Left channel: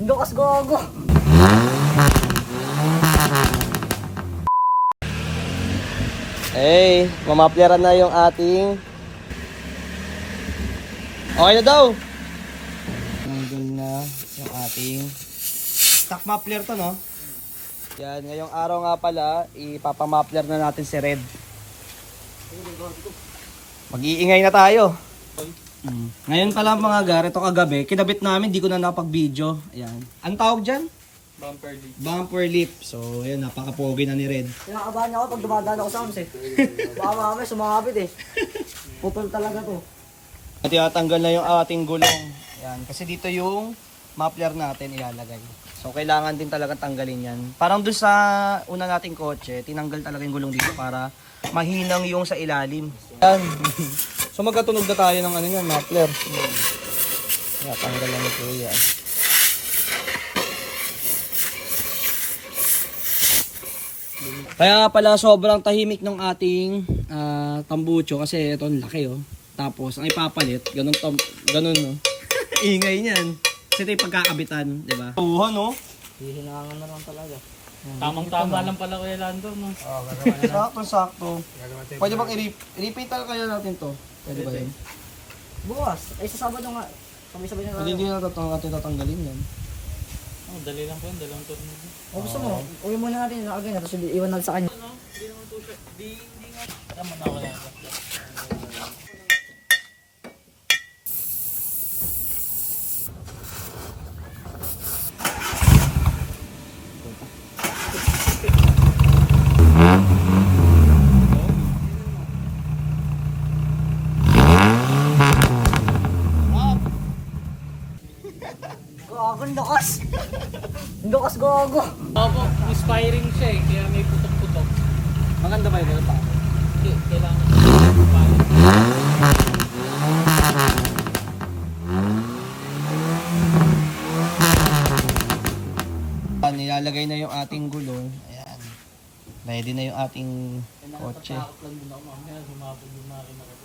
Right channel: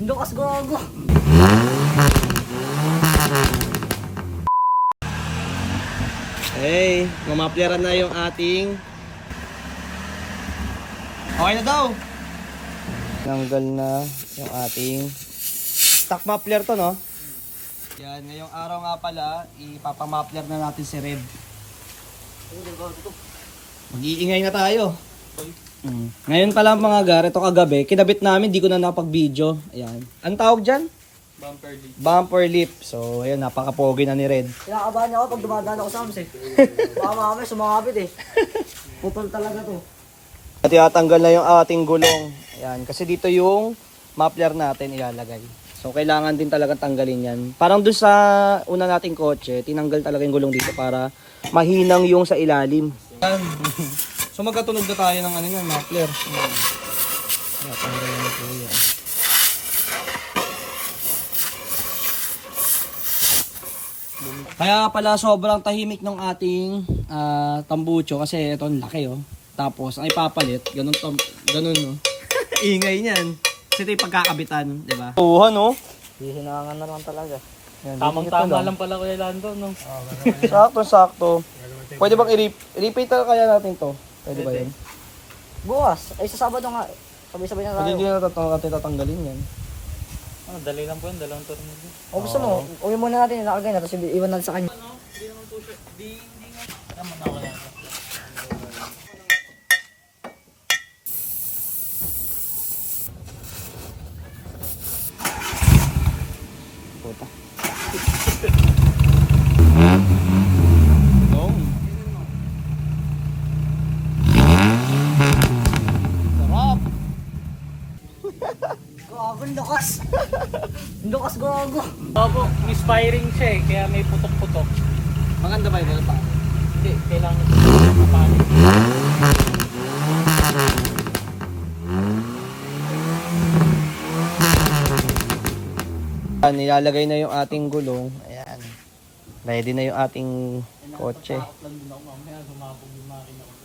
Lukas gogo. Hey, mamapleran na yung ating... Okay na daw. Tanggal na yung ating stock muffler to, no? Yan, ngayong araw nga pala, ipapamapler na natin si Red. Mag-iingay na tayo. Ngayon pa lang mga gar, ito kagabi, kinabit namin, di ko na napag-video. Ayan. Ang tawag dyan? Bumper leaf. Bumper lip. So, ayan, napaka-pogi na ni Red. Kinakabahan niya ako pag dumadaan ako sa AMS eh. Baka mamaya sumangapit eh. Putol talaga to. At itatanggal na yung ating gulong. Ayan, kasi dito yung muffler natin ilalagay. So, kailangan din talaga tanggalin yan. Parang doon sa una nating kotse, tinanggal talaga yung gulong dito para mahinang yung sa ilalim. Ayan. So, magkatunog na tayo ng ano yan, muffler. Tanggal na po yan. Kaya nga pala sobrang tahimik ng ating tambucho kasi ito ang laki oh. Tapos ang ipapalit, ganun no. Ingay niyan. Kasi ito yung pagkakabitan, di ba? Tuhan no. Hihinangan na lang talaga. Tamang-tama lang pala Kuya Lando, no? Sakto. Pwede bang i-repeat kaya natin to? Pwede ba yun? Bukas. Ay sa Sabado nga. Sabay-sabay na Pwede tayo. hindi na natin tatanggalin yan. Dali lang po yun, dalawang tornilyo. O gusto mo, uwi muna natin yung nakagay na tapos iwan natin sa kanya. Hindi naman po siya, hindi nga. Tama na ako na. Gogo, ang lukas. Ang lukas gogo. Opo, inspiring siya eh, kaya may putok-putok. Maganda ba yun pa? Hindi, kailangan. Nilalagay na yung ating gulong. Ayan. Ready na yung ating kotse. Takot lang din ako mamaya, sumabog yung makina ko.